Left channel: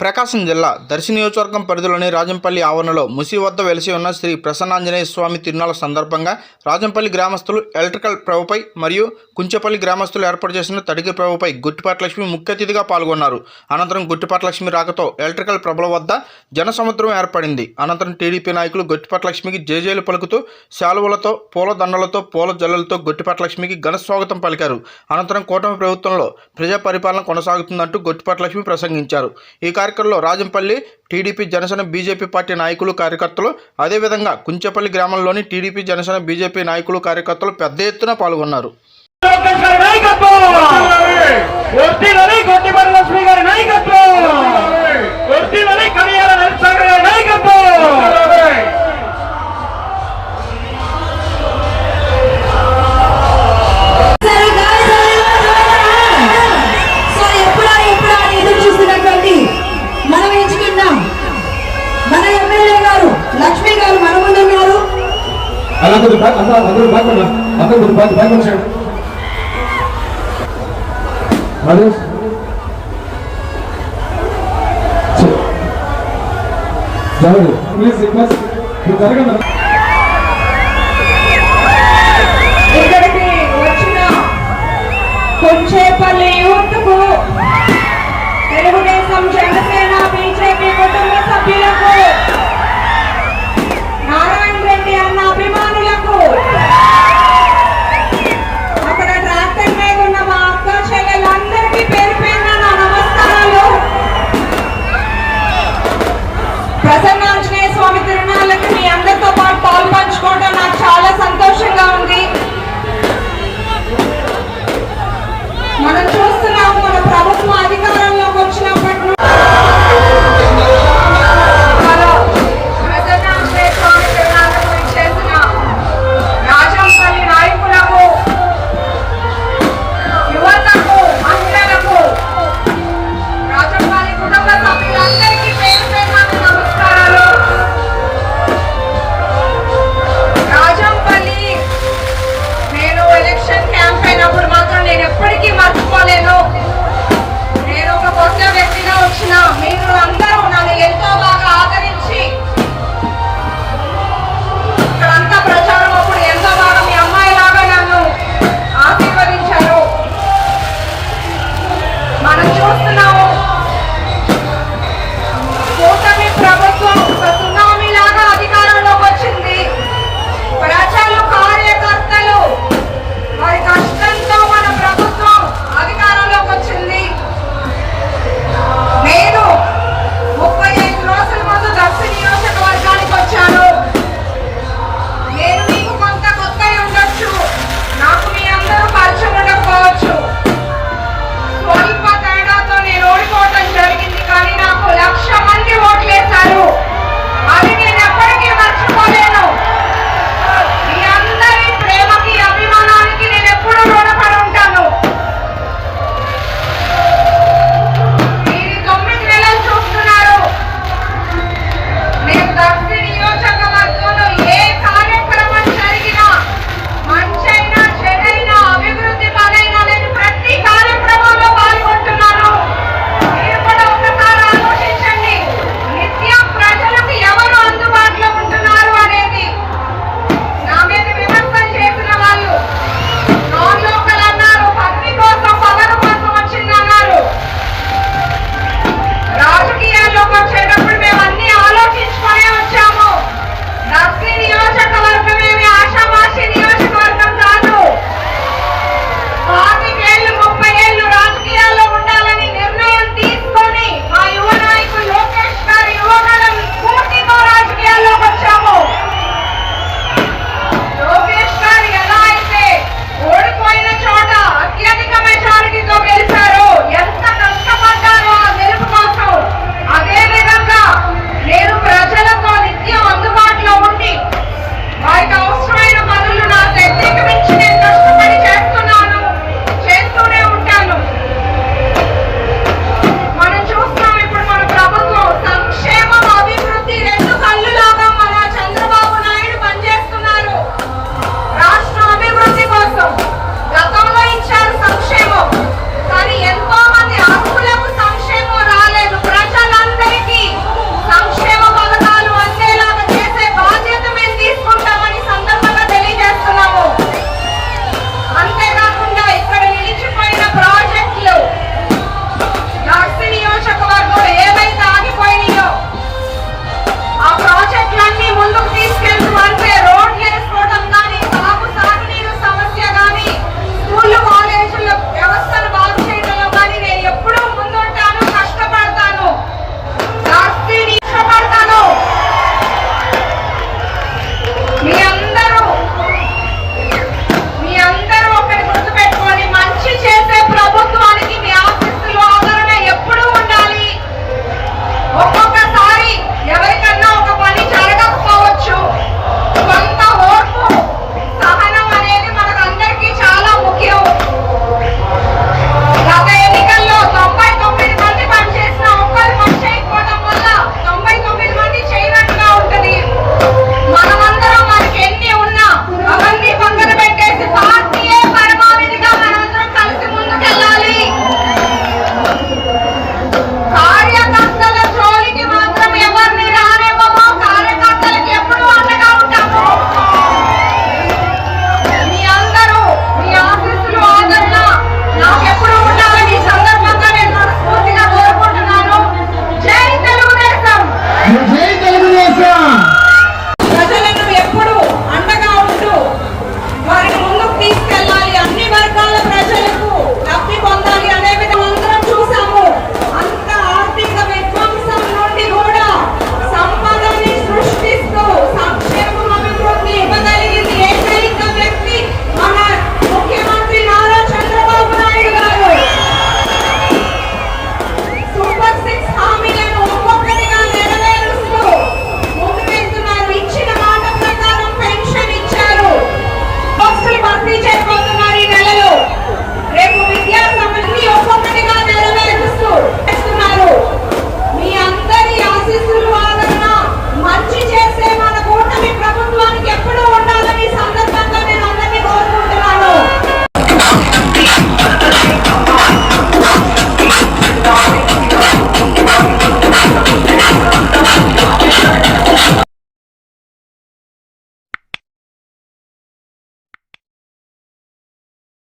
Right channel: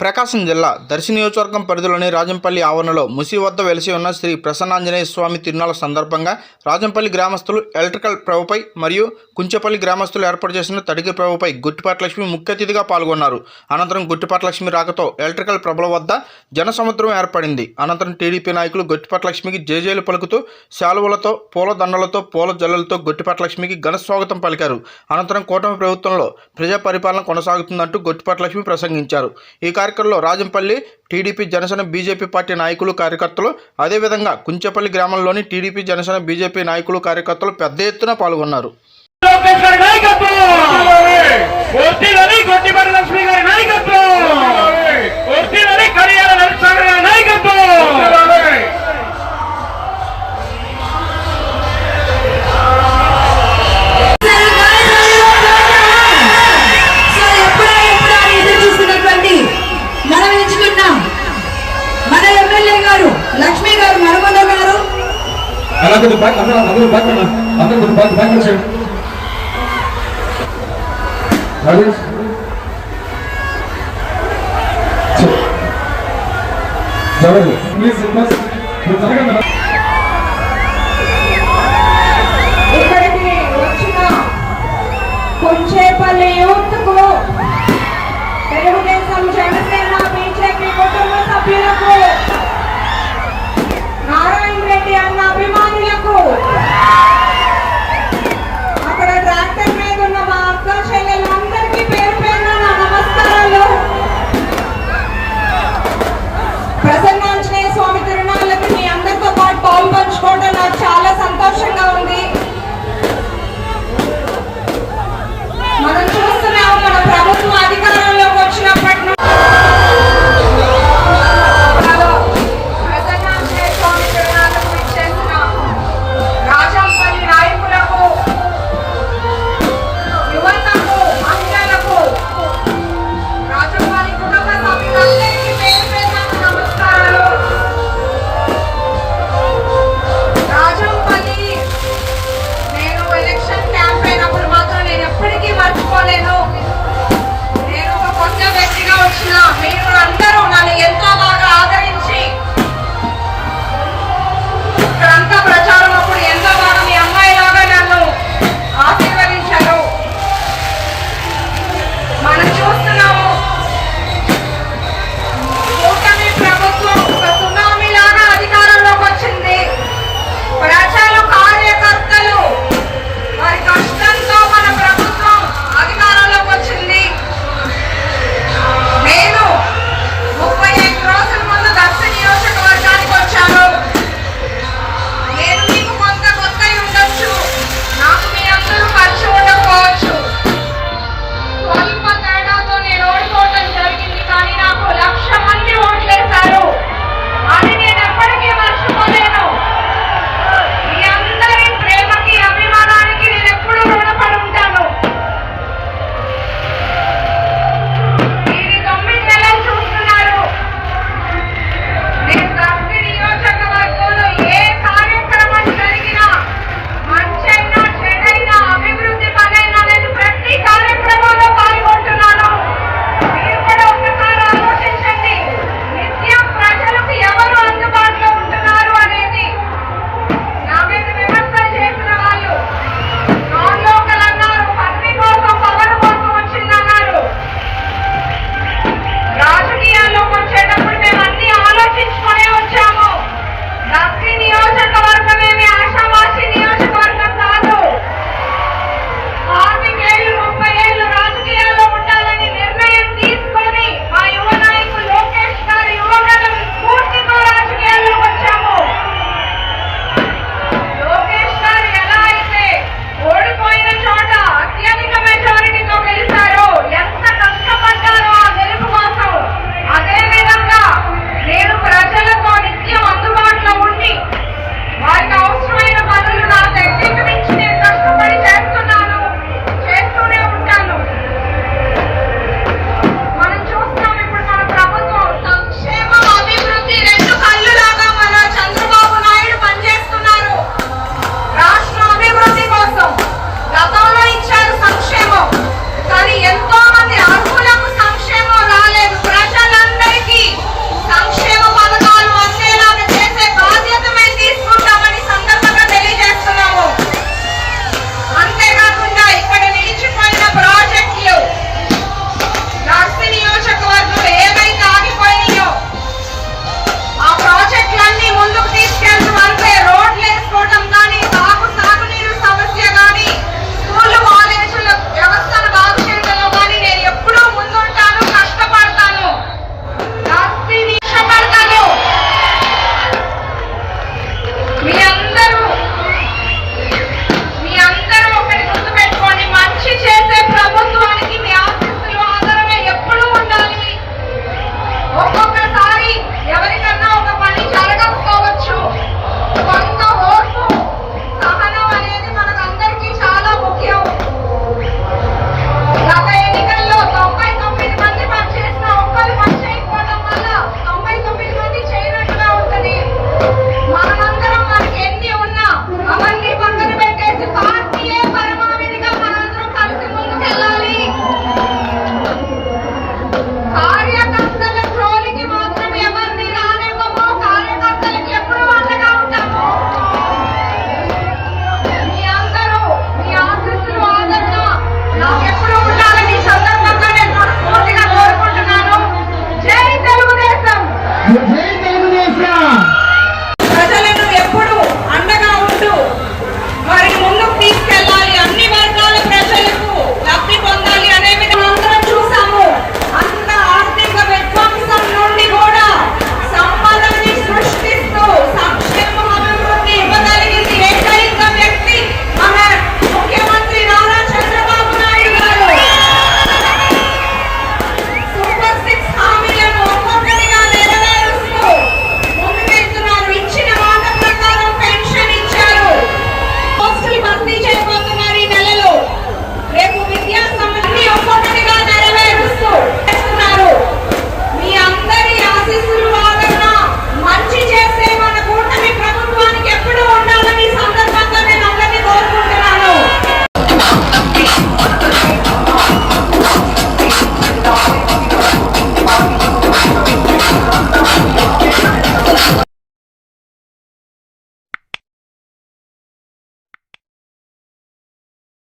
ప్రకాశం జిల్లా దర్శి నియోజకవర్గం పరిధిలోని రాజంపల్లి ఆవరణలో ముసి వద్ద వెలిసి ఉన్న శ్రీ ప్రసన్నాంజనేయ స్వామి తిరునాళ్ళ సందర్భంగా రాజంపల్లి గ్రామస్తులు ఎలక్ట్రికల్ ప్రభుపై మరియు కుంచెపల్లి గ్రామస్తులు ఏర్పాటు చేసిన తడికి ప్రభుపై గుట్టిపాటలక్ష్మి ముఖ్య అతిథిగా పాల్గొన్నారు. అనంతరం గుట్టిపాటలక్ష్మి రాకతో ఎలక్ట్రికల్ ప్రభుల వద్ద జనసముద్రం ఏర్పడింది. అనంతరం టీడీపీ నాయకులు గుట్టిపాటలక్ష్మికి జేజేలు పలుకుతూ శాలువలతో పూల దండలతో పూల జల్లలతో గుట్టిపాటలక్ష్మికి ఘన స్వాగతం పలికారు. అనంతరం కూటమి ప్రభుత్వంలో ప్రజా పరిపాలన కొనసాగుతుందంటూ గుట్టిపాటలక్ష్మి ప్రసంగించారు. ఈ కార్యక్రమంలో Rajampalli TDP Janasena BJP party నాయకులు కార్యకర్తలు అదేవిధంగా కుంచెపల్లి గ్రామంలోని టీడీపీ జనసేన బీజేపీ నాయకులు కార్యకర్తలు పెద్ద ఎత్తున పాల్గొన్నారు. నాయకత్వం! అందరూ అందరూ అందరూ అందరూ బ్యాక్ బ్యాక్ వచ్చాడు రాజేష్ జరగదు. ప్లీజ్ రిక్వెస్ట్ మీరు ఇక్కడికి వచ్చిన కొంచేపల్లి యూత్కు